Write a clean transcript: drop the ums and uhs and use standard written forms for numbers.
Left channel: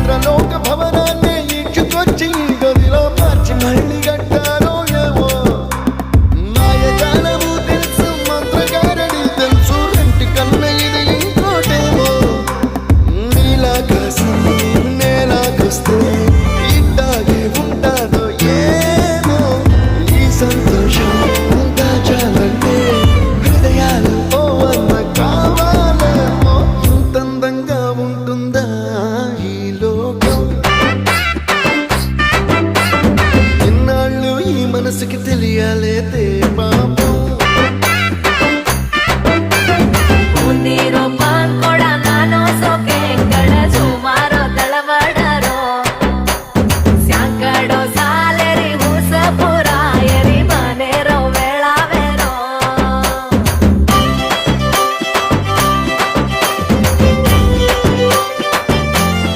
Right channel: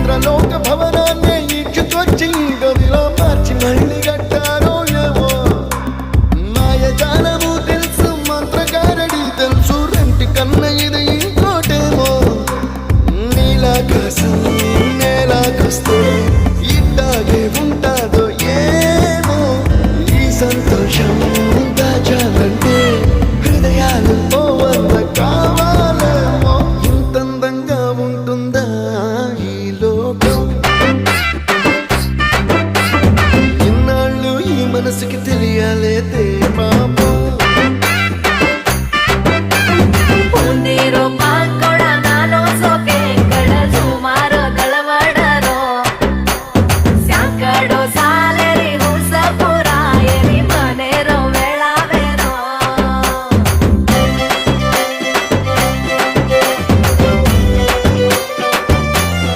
ఇంద్రలోక భవనాన్ని ఈడ్చుకొచ్చి గదిలో మార్చి మళ్ళీ కట్టారో ఏమో మాయజాలము తెలుసు మంత్రగారడి తెలుసు రెంటి కన్న ఇది ఇంకోటేమో నీలాకాశం నేలాకొస్తే ఇట్టాగే ఉంటాదో ఏమో ఈ సంతోషం దాచాలంటే హృదయాలు ఓ వంద కావాలేమో ఇంతందంగా ఉంటుందా ఈ లోకం ఇన్నాళ్ళు ఈ మనసుకి తెలియాలేదే పాపం